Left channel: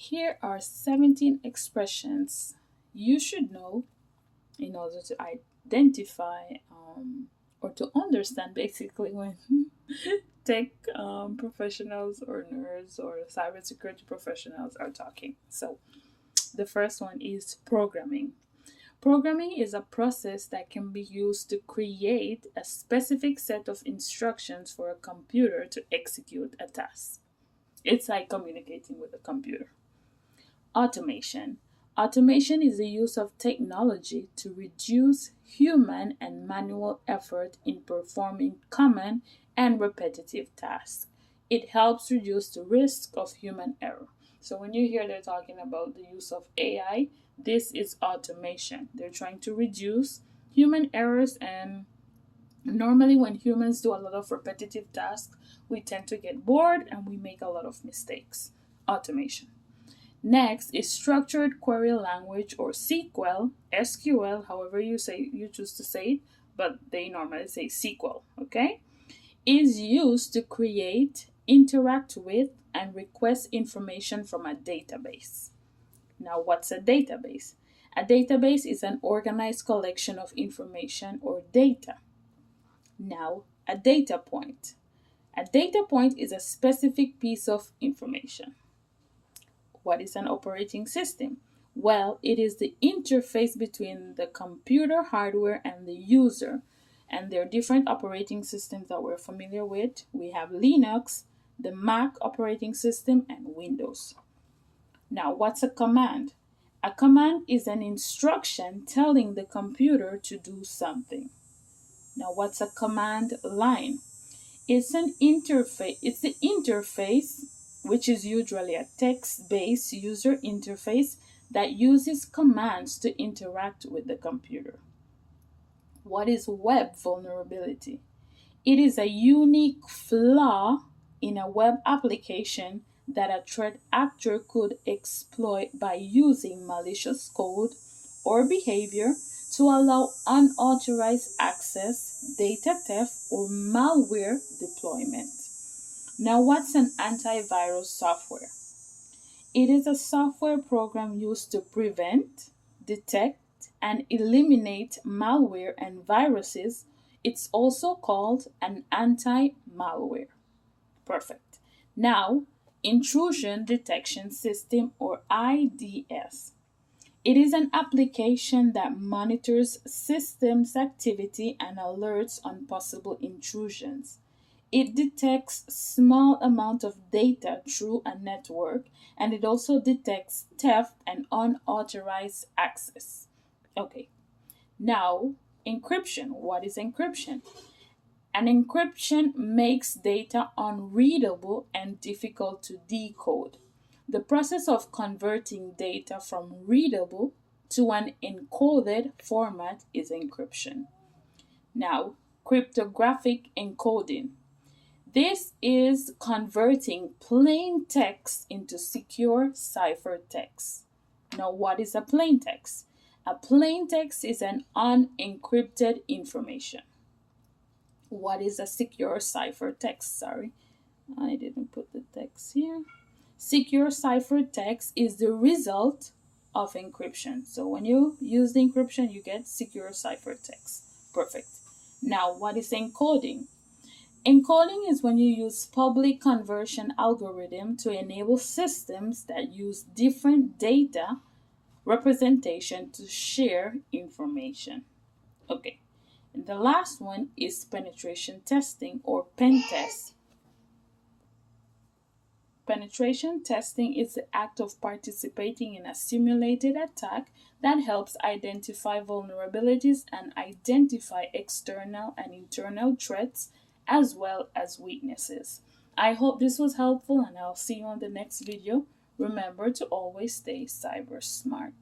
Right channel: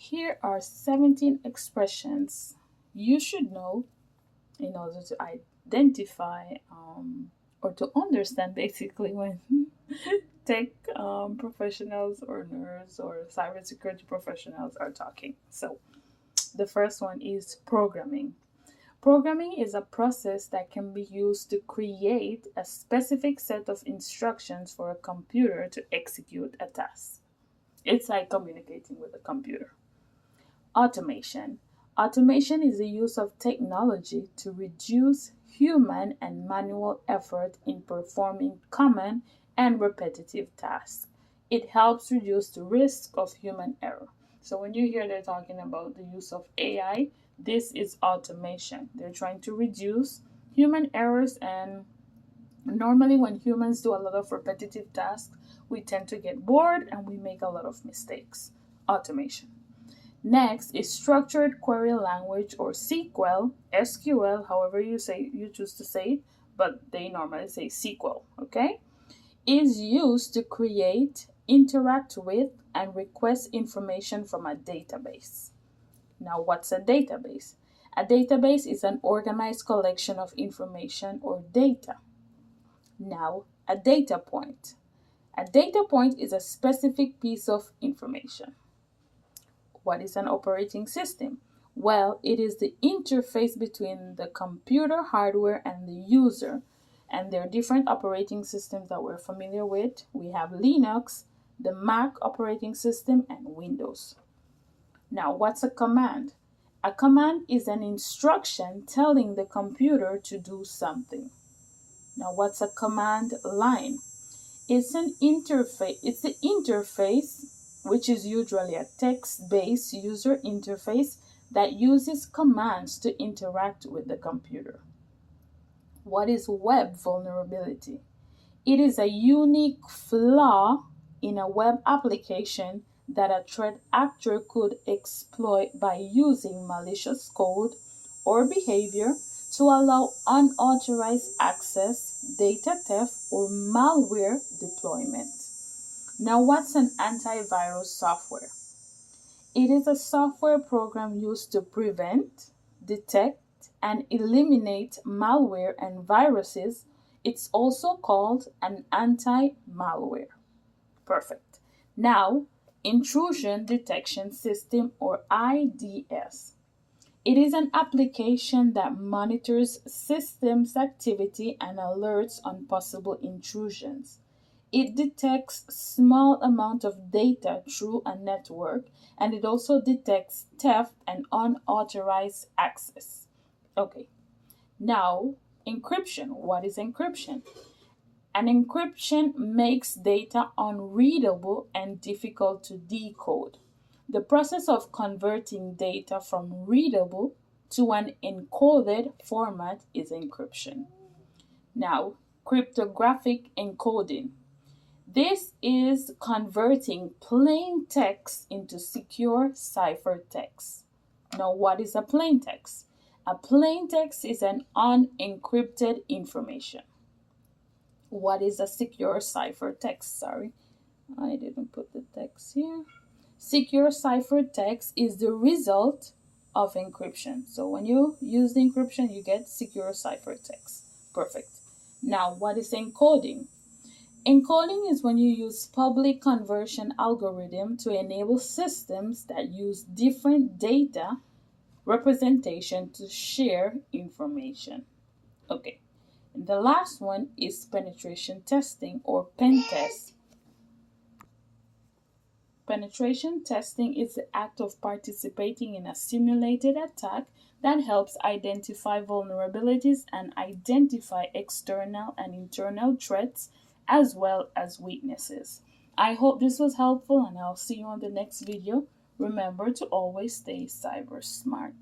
Here are 17 expressions you should know in order to identify or to understand basically when tech professionals or nerds or cybersecurity professionals are talking. So, the first one is programming. Programming is a process that can be used to create a specific set of instructions for a computer to execute a task. It's like communicating with a computer. Automation. Automation is the use of technology to reduce human and manual effort in performing common and repetitive tasks. It helps reduce the risk of human error. So when you hear they're talking about the use of AI, this is automation. They're trying to reduce human errors, and normally when humans do a lot of repetitive tasks, we tend to get bored and we make a lot of mistakes. Automation. Next is structured query language or SQL, however you choose to say it, but they normally say SQL, okay? Is used to create, interact with, and request information from a database. Now, what's a database? A database is an organized collection of information or data. Now, a data point. A data point is a specific piece of information. What is an operating system? Well, it is the interface between the computer hardware and the user. And there are different operating systems that we're familiar with. We have Linux, the Mac operating system, and Windows. Now, what's a command? A command is an instruction telling the computer to do something. Now, what's a command line? It's an interface. It's the interface, which is usually a text-based user interface that uses commands to interact with the computer. What is web vulnerability? It is a unique flaw in a web application that a threat actor could exploit by using malicious code or behavior to allow unauthorized access, data theft, or malware deployment. Now, what's an antivirus software? It is a software program used to prevent, detect, and eliminate malware and viruses. It's also called an anti-malware. Perfect. Now, intrusion detection system or IDS. It is an application that monitors systems activity and alerts on possible intrusions. It detects small amount of data through a network, and it also detects theft and unauthorized access. Okay. Now, encryption. What is encryption? An encryption makes data unreadable and difficult to decode. The process of converting data from readable to an encoded format is encryption. Now, cryptographic encoding. This is converting plain text into secure ciphertext. Now, what is a plain text? A plain text is an unencrypted information. What is a secure ciphertext? Sorry, I didn't put the text here. Secure ciphertext is the result of encryption. So when you use the encryption, you get secure ciphertext. Perfect. Now, what is encoding? Encoding is when you use public conversion algorithm to enable systems that use different data representation to share information. Okay. And the last one is penetration testing or pen test. Penetration testing is the act of participating in a simulated attack that helps identify vulnerabilities and identify external and internal threats as well as weaknesses. I hope this was helpful, and I'll see you on the next video. Remember to always stay cyber smart.